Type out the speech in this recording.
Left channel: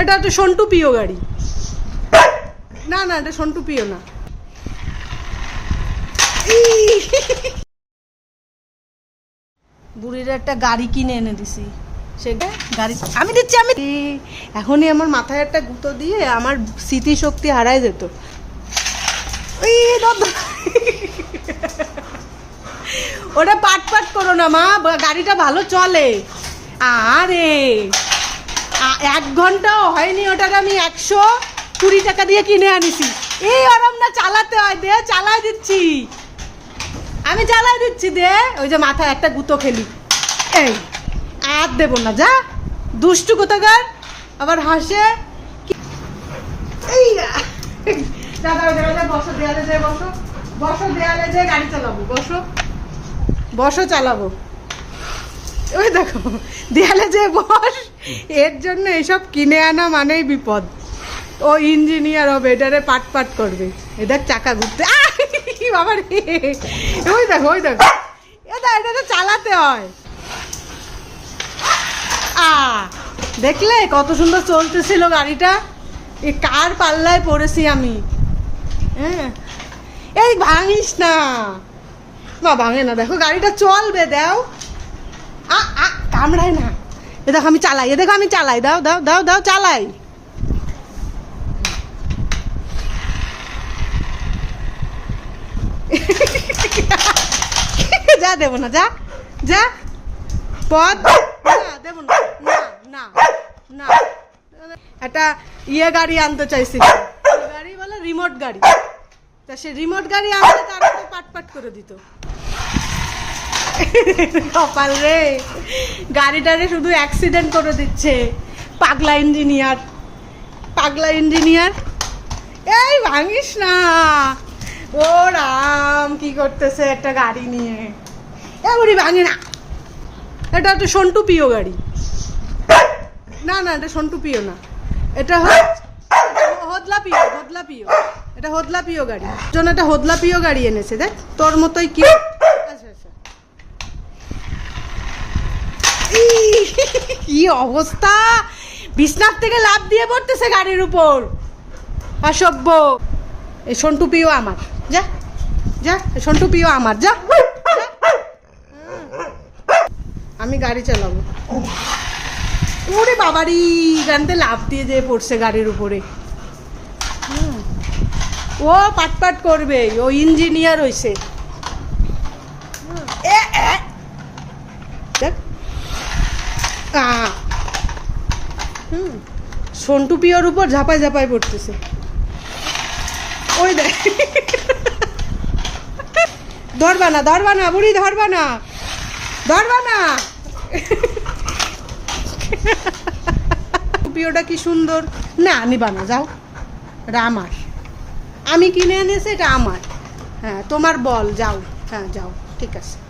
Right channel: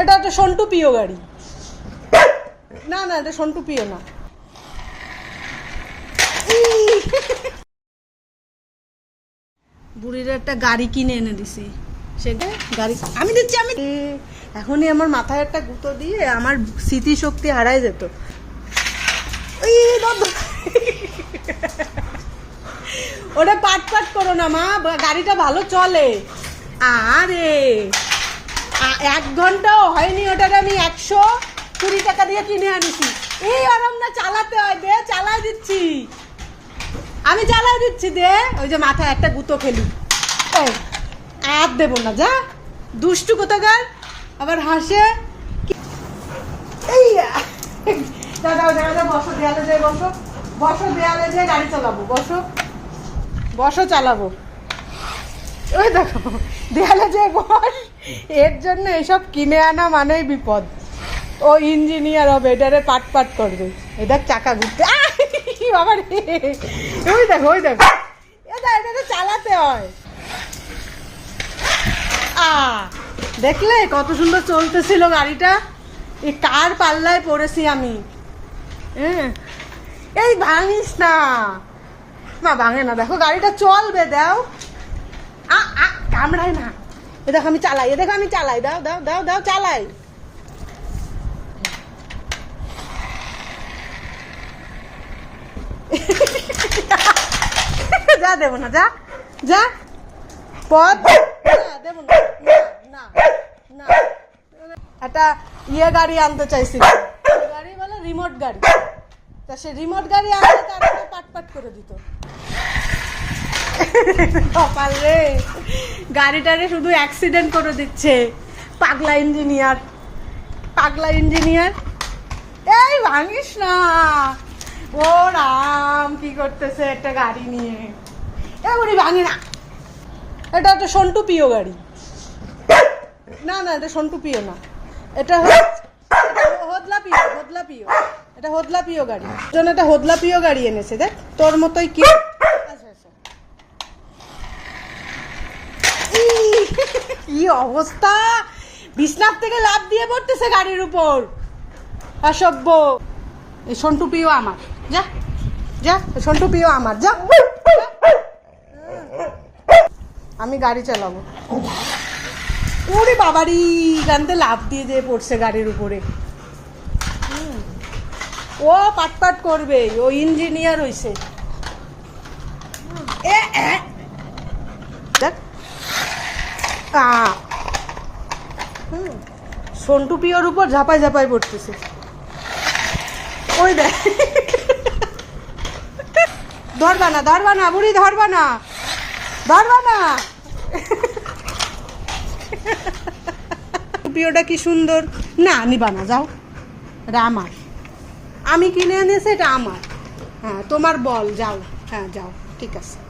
এটা একটা সন্টু প্রিয় গাড়ি। না না, এটা সন্টু প্রিয় না! বুড়ির একটা গাড়ি কিনে এনে দিছি। সেটা গাড়ি আমি দিচ্ছি আমি এখনই আমার মাথায় একটা গুঁতো দিয়ে আমার স্মৃতিশক্তি হারাই যেত। ওটা পাট পাট করো না মা, গাড়িটা ভালো চলে। আরে। এক ঘন্টাও হয়নি ওটার আমি একশো কুড়ি টাকা দিয়ে কিনে আনিছি। এই আরাম না চালাতে হয়, দে, চালাই দিচ্ছি। আমি চালাই দিচ্ছি, দে। ওই যে মাথায় একটা গুঁতো খেলি। এই, আর দেবো না, যা। দুষ্টু কোথাকার? আবার হাসে। এই দাদা জায়গায় বসো, দেয়ালে যে বসো। বসো, দেয়ালে গাড়ি চালাবো, বসো। বসো, চালাবো। ওই দেখো, দেয়ালে যে বস, এর জন্য এসব কিনে আনা মানেই বিপদ। ও ইঞ্জিনিয়ার হবে, এটারে পাট পাট করবে। এটা চাকা ঘুরতে আহ! ওই দেখো ওই দেখো। এটা এটা তো চালাতে হয়। আ দেখলে কত সুন্দর চলতেছিল গাড়িটা? এই কার পাল্লায় পড়েছি আমি? হ্যাঁ? এই ভাঙিস না। মা, ভাঙে না। দেখো, গাড়িটা চলবে, দাও। কামড়ায় না। এ দেখো আমি চালাই, এ দেখো আমি চালাই, দাও দাও দাও দাও, চালাই। যা, দেবো না, যা যা। পথ। দেবো না না না একটা ইয়ে গাড়ি আনতে চাইছি। গাড়ি বলে রিমোট গাড়ি। তা সে রিমোট গাড়ি আনতে তারপরে পাট পাট করে দিত। কপাল রে গাড়িটারে শুধু অ্যাক্সিডেন্ট করে দিচ্ছে। পাগলা ইঞ্জিনিয়ার পাগলা ইঞ্জিনিয়ার এই ভাঙিস না। ও রাম, কি করতেছে একটা গাড়ি নিয়ে? এ বুড়ি ভাঙি না। এটা একটা সন্টু প্রিয় গাড়ি। না না, এটা সন্টু প্রিয় না। এটা হোদলা পিও হোদলা পিও। এটা হোদলা পিও গাড়ি। জন্য একটা হোদলা পিও গাড়ি এনেছে, দেখ, তোর মতোই কি আচ্ছা আচ্ছা এই, কি অবস্থা বিছনার থেকে লাভ দিয়ে পড়তেছে গাড়ির উপর অসভ্য এই সন্টু পিও আমার যা যা সন্টু পিও আমার যা। আমি গাড়ি চালাবো ওরে বাবারি, গানতে লাভ দিয়ে দিয়ে পড়ছে গাড়ির উপরে। ও পাট পাট করবে, ও ইঞ্জিনিয়ার এ। দেখ। আ। হুম। সন্টু পিওর উপর ঝাপায় ঝাপায় পড়তেছে। ওই দেখ। ধরবা না ধরবা না, বুড়ি, ধরবা না। ধরবা না। পিওটা কি সুন্দর? না নিবা না যাও। এটা আমার। আমি কিনে এনেছি, এটা আমার। হ্যাঁ তোমার বল, যাও। হ্যাঁ যাও, ঠিক আছে।